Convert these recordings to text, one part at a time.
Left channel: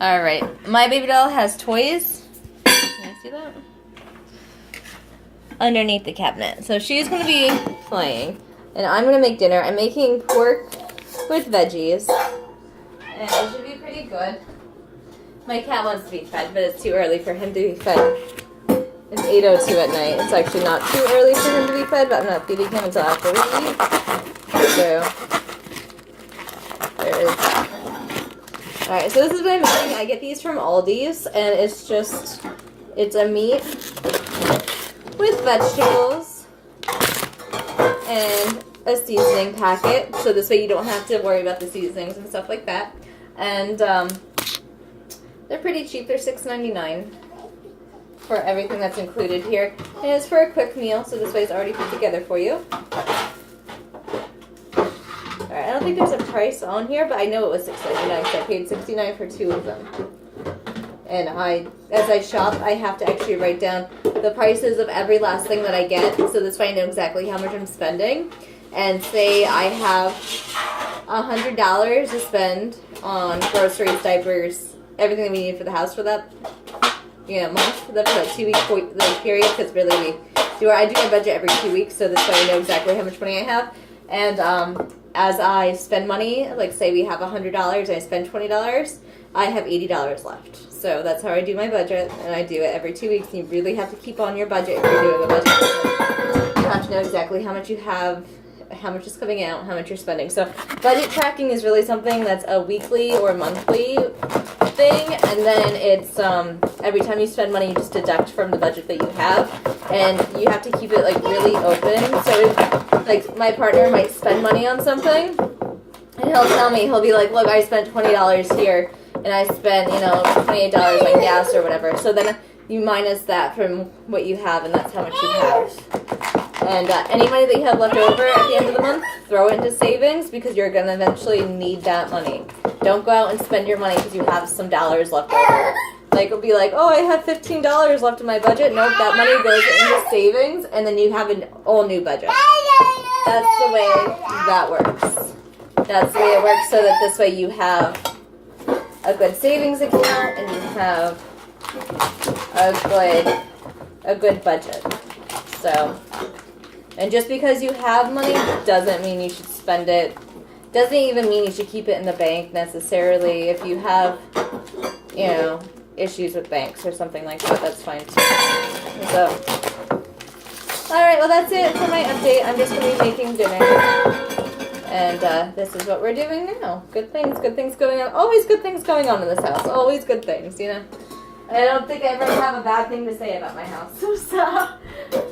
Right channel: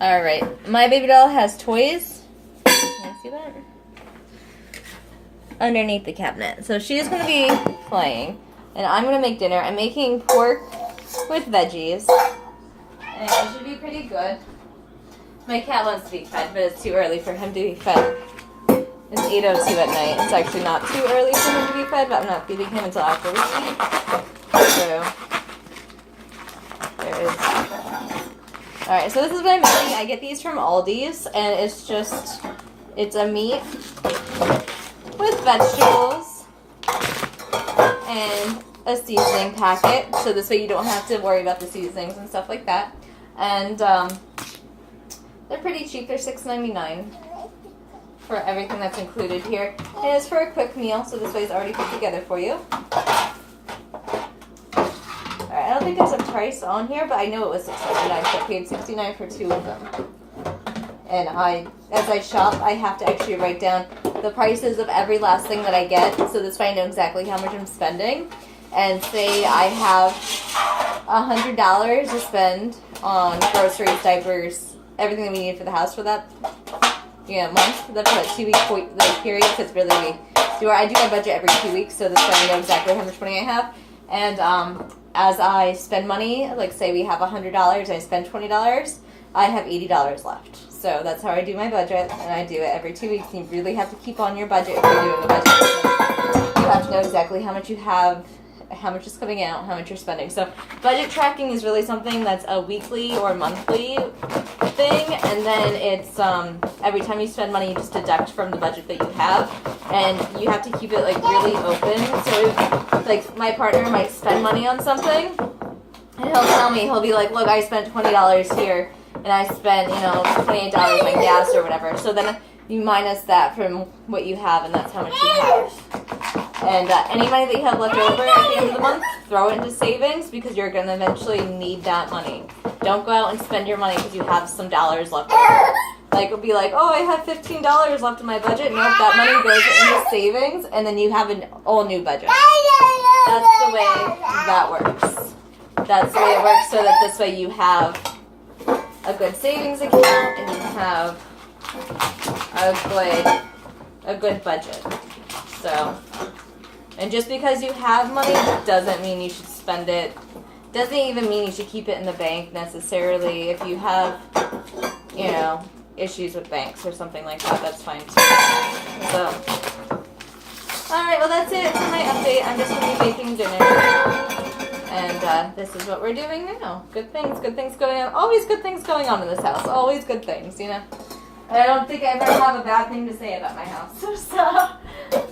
Alright, my baby doll has toys. Can I see that? Underneath the cabinet. So she's going to be playing, and I'm going to make dinner. I'm making pork with veggies, and it should be pretty good. My cat wants to be fed, but it's too early for him to be fed. It's 8:02 at night. It's actually not too early for him to be fed, but I'm not feeding him until after we eat. So, there is that. Alright, so this is what I'm making. I get these from Aldi's, and it's a meat with vegetables and a seasoning packet. So this way you don't have to worry about the seasonings and stuff like that. And they're pretty cheap. They're $6.99 for everything that's included here. And it's for a quick meal, so this way it's already put together for you. Alright, I don't think there's a price on here, but I know it was $6.99, so I paid $69 for 2 of them. And as I shop, I have to actually write down the prices of every last thing that I get, so this way I know exactly how much I'm spending. And say I have $100 to spend on groceries, diapers, everything that we need for the house for that month, for that 2-week period, because really I do my budget every 2 weeks, so this way I know exactly how much money I have. And as I spend money, like say we have $100 and I spend $20, I have $80 left. So that's how I do my budget, and I do it every 2 weeks. You really have to keep on your budget if you're doing a budget. You have to know exactly how much you have, how much is coming out, how much you're spending. So budget tracking is really something that's a weekly or monthly thing, and then it's every time you spend money, you just deduct from the budget that you have, and you have to keep it like really open. So like my partner might spend money on something, and he'll tell me, he'll be like, look, I spent $20 here, and I spent, $28 on gas or whatever. So then you minus that from what you have, and that's how much you have. And any money that you have left over at the end of the month, throw it into savings, because you're going to eventually need that money. Don't go out and spend your money because you have some dollars left over. Like, it'll be like, oh, I have $15 left in my budget. Nope, that money goes into savings, and then you have an all new budget. That's the way that works. That's the way it works, so that this way you have a good savings account and you have a good budget. So, and just because you have money doesn't mean you should spend it. Doesn't even mean you should keep it in the bank necessarily. If you have, issues with banks or something like that, that's fine too. So, alright, well that's it for my update. I'm just going to be making dinner. And this is what we're doing now. Good things going on. Always good things going on in this house. Always good things, I don't think I ever have a bad thing to say about my house. So,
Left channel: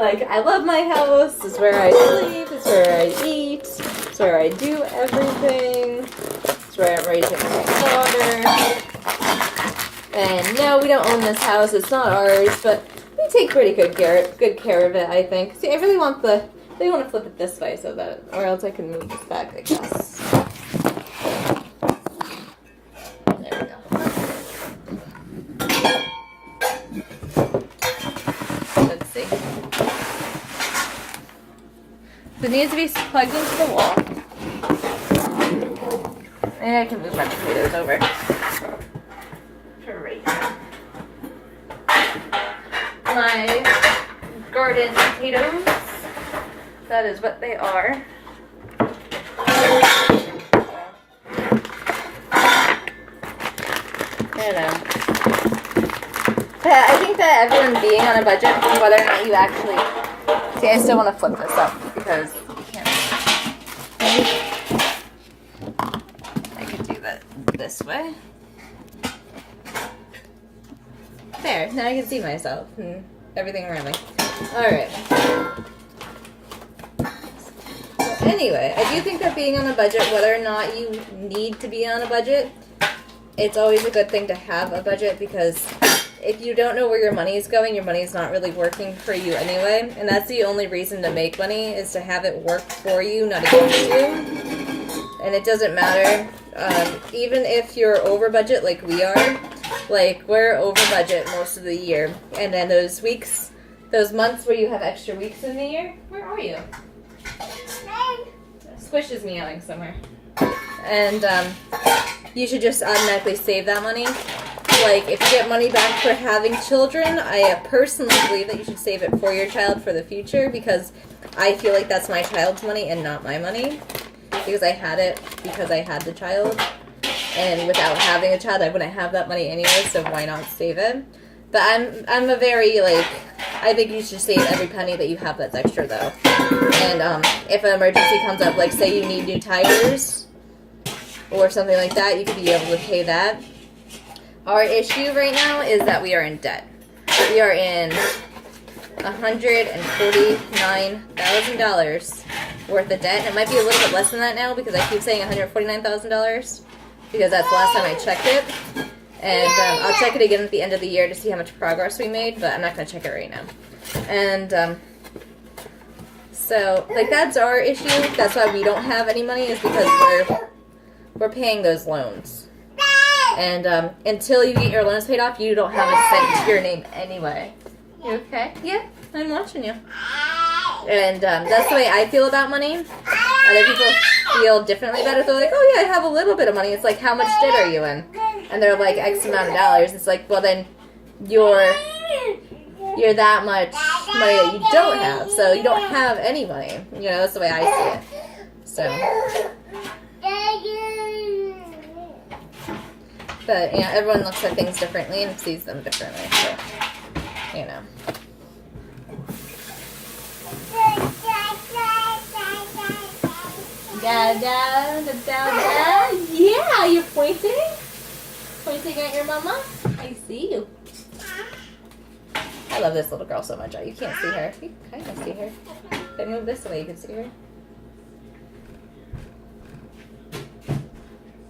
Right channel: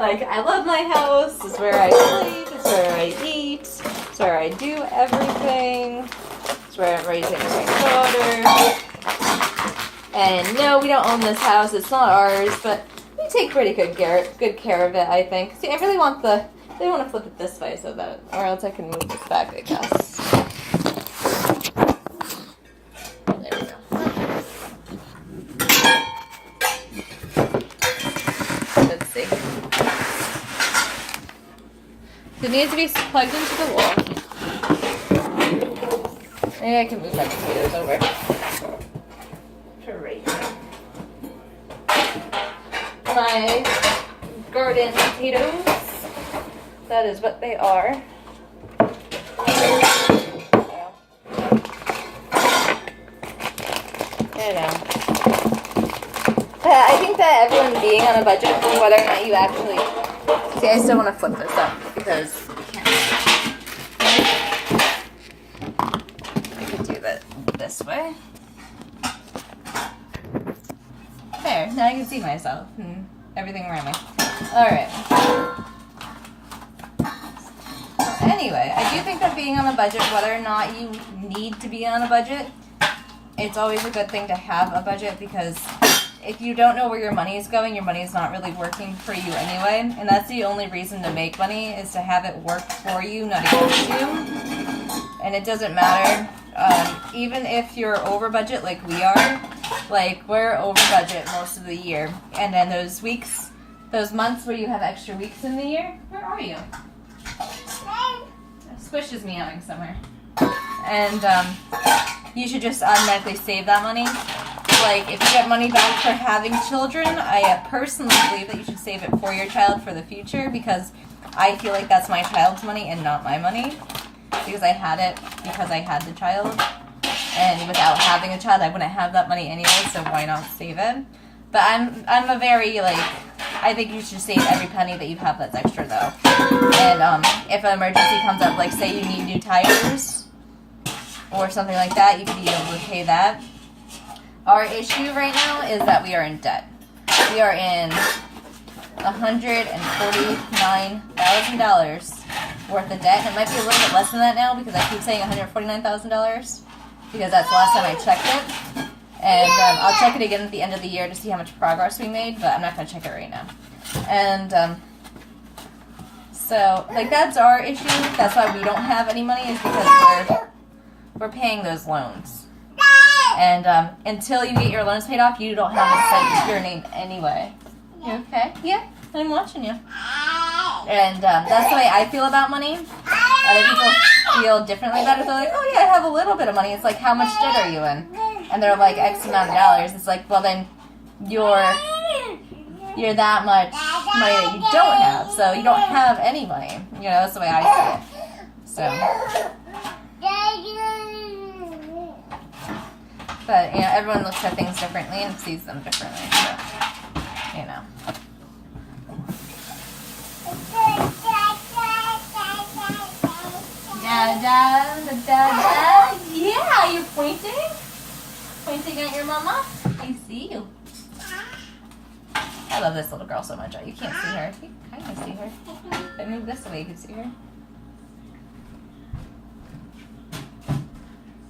I love my house. It's where I sleep. It's where I eat. It's where I do everything. It's where I'm raising my daughter. And no, we don't own this house. It's not ours, but we take pretty good care of it, I think. See, I really want they want to flip it this way so that, or else I can move this back, I guess. There we go. Let's see. So it needs to be plugged into the wall. Maybe I can move my potatoes over to right here. My garden potatoes. That is what they are. I think that everyone being on a budget, whether or not you actually... See, I still want to flip this up because you can't... I can do that this way. There, now I can see myself and everything around me. Alright. Anyway, I do think that being on a budget, whether or not you need to be on a budget, it's always a good thing to have a budget, because if you don't know where your money is going, your money is not really working for you anyway. And that's the only reason to make money, is to have it work for you, not against you. And it doesn't matter. Even if you're over budget like we are, we're over budget most of the year. And then those weeks, those months where you have extra weeks in the year, where are you? Squish is meowing somewhere. And you should just automatically save that money like, if you get money back for having children, I personally believe that you should save it for your child for the future, because I feel like that's my child's money and not my money. Because I had it because I had the child. And without having a child, I wouldn't have that money anyway, so why not save it? But I'm a very, like, I think you should save every penny that you have that's extra, though. And if an emergency comes up, like, say you need new tires or something like that, you could be able to pay that. Our issue right now is that we are in debt. We are in $149,000 worth of debt. And it might be a little bit less than that now because I keep saying $149,000 because that's the last time I checked it. And I'll check it again at the end of the year to see how much progress we made, but I'm not going to check it right now. And so, like, that's our issue. That's why we don't have any money, is because we're paying those loans. And until you get your loans paid off, you don't have a cent to your name anyway. You okay? Yeah, I'm watching you. And that's the way I feel about money. Other people feel differently about it. They're like, oh yeah, I have a little bit of money. It's like, how much debt are you in? And they're like, X amount of dollars. It's like, well then, you're that much money that you don't have. So you don't have any money. You know, that's the way I see it. So. But, you know, everyone looks at things differently and sees them differently. So, you know. Da da da da. Yeah, you're pointing? Pointing at your mama? I see you. I love this little girl so much. You can't see her. You kind of see her. If I move this way, you can see her.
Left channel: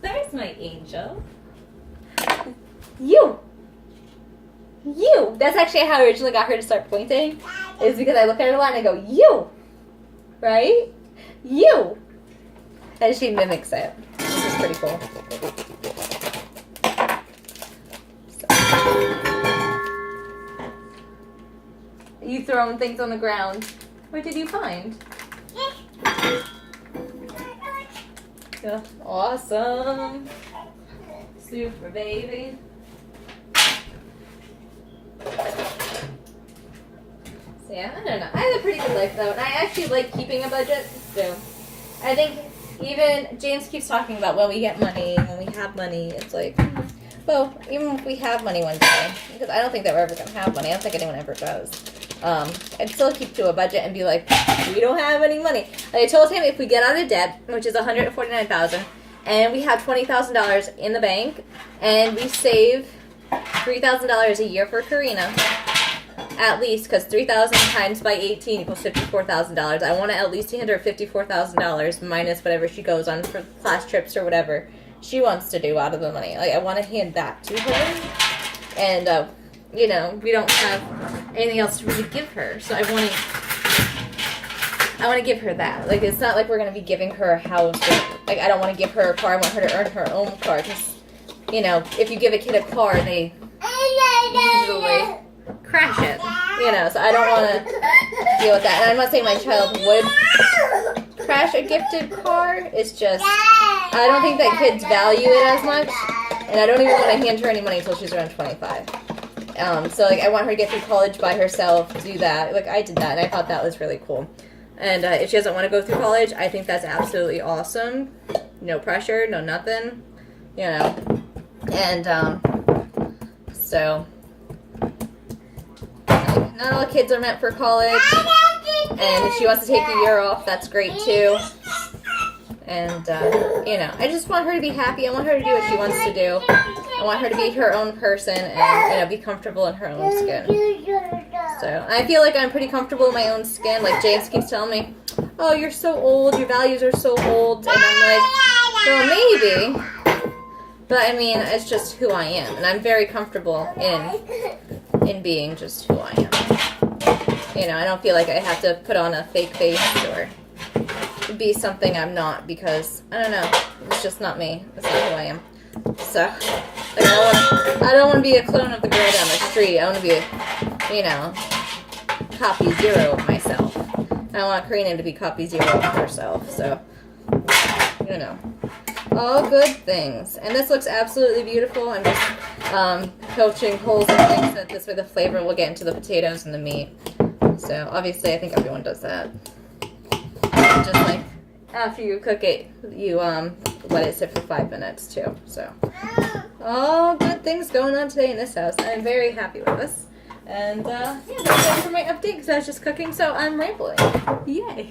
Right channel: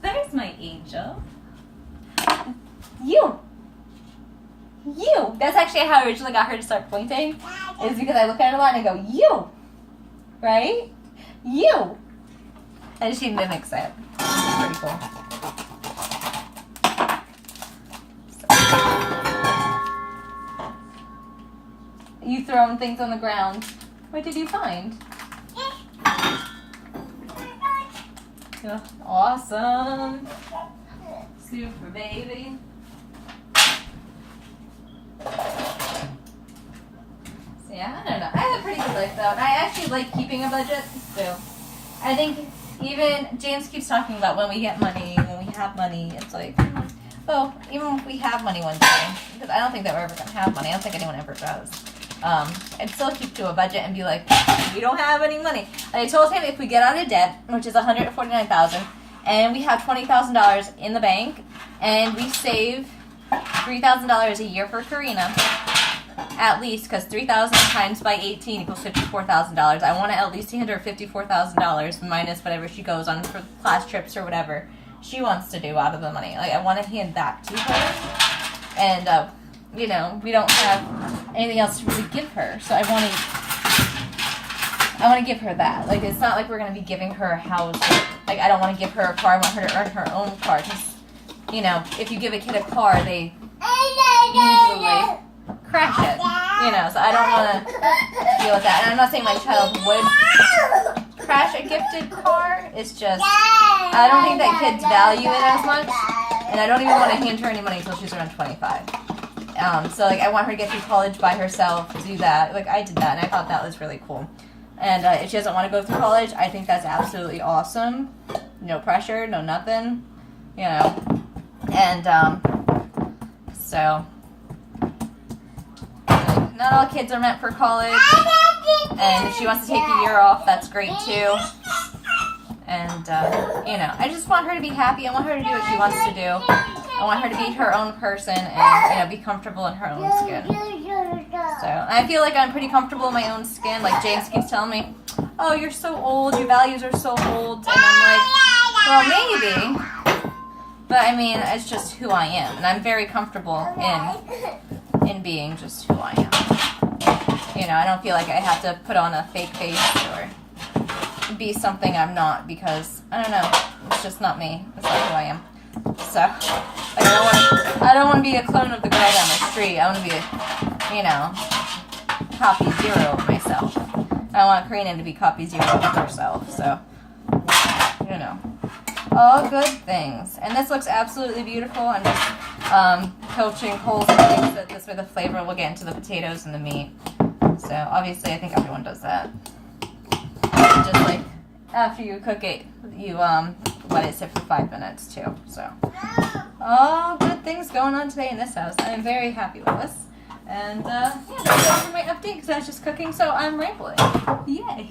There's my angel. You! That's actually how I originally got her to start pointing. Is because I look at her a lot and I go, you! Right? You! And she mimics it. Which is pretty cool. So. You throwing things on the ground. What did you find? Yeah. Awesome. Super baby. So yeah, I don't know. I have a pretty good life though, and I actually like keeping a budget. So I think even James keeps talking about when we get money, when we have money. It's like, well, even if we have money one day, because I don't think that we're ever gonna have money. I don't think anyone ever does. I'd still keep to a budget and be like, we don't have any money. And I told him if we get out of debt, which is $149,000. And we have $20,000 in the bank, and we save $3,000 a year for Karina, at least, because 3,000 times by 18 equals $54,000. I want to at least $54,000 minus whatever she goes on for class trips or whatever she wants to do out of the money. Like, I want to hand that to her, and you know, we don't have anything else to really give her, so I want to give her that. Like, it's not like we're going to be giving her a house. Or, like, I don't want to give her a car. I want her to earn her own car. Because, you know, if you give a kid a car, they usually crash it. You know, so I don't want to deal with that. And I'm not saying my child would crash a gifted car. It's just, I don't think that kids value it as much. And I don't even want to hand her any money until she's around 25. So, like, I want her to get through college by herself, do that. Like, I did that, and I thought that was really cool. And if she doesn't want to go through college, I think that's absolutely awesome. No pressure, no nothing, you know. And so, not all kids are meant for college. And if she wants to take a year off, that's great too. And, you know, I just want her to be happy. I want her to do what she wants to do. I want her to be her own person and, you know, be comfortable in her own skin. So, I feel like I'm pretty comfortable in my own skin. Like, James keeps telling me, oh, you're so old, your values are so old. And I'm like, well, maybe. But, I mean, it's just who I am. And I'm very comfortable in being just who I am. You know, I don't feel like I have to put on a fake face or be something I'm not, because, I don't know, it's just not me. It's not who I am. So, like, I don't want to be a clone of the girl down the street. I want to be you know, copy zero of myself. I want Karina to be copy zero of herself, so, you know, all good things. And this looks absolutely beautiful. I'm just poaching coals and things, that this way the flavor will get into the potatoes and the meat. So obviously I think everyone does that. Just like after you cook it, you let it sit for 5 minutes too. So all good things going on today in this house. I am very happy with this. And yeah, that's it for my update because I was just cooking, so I'm rambling. Yay!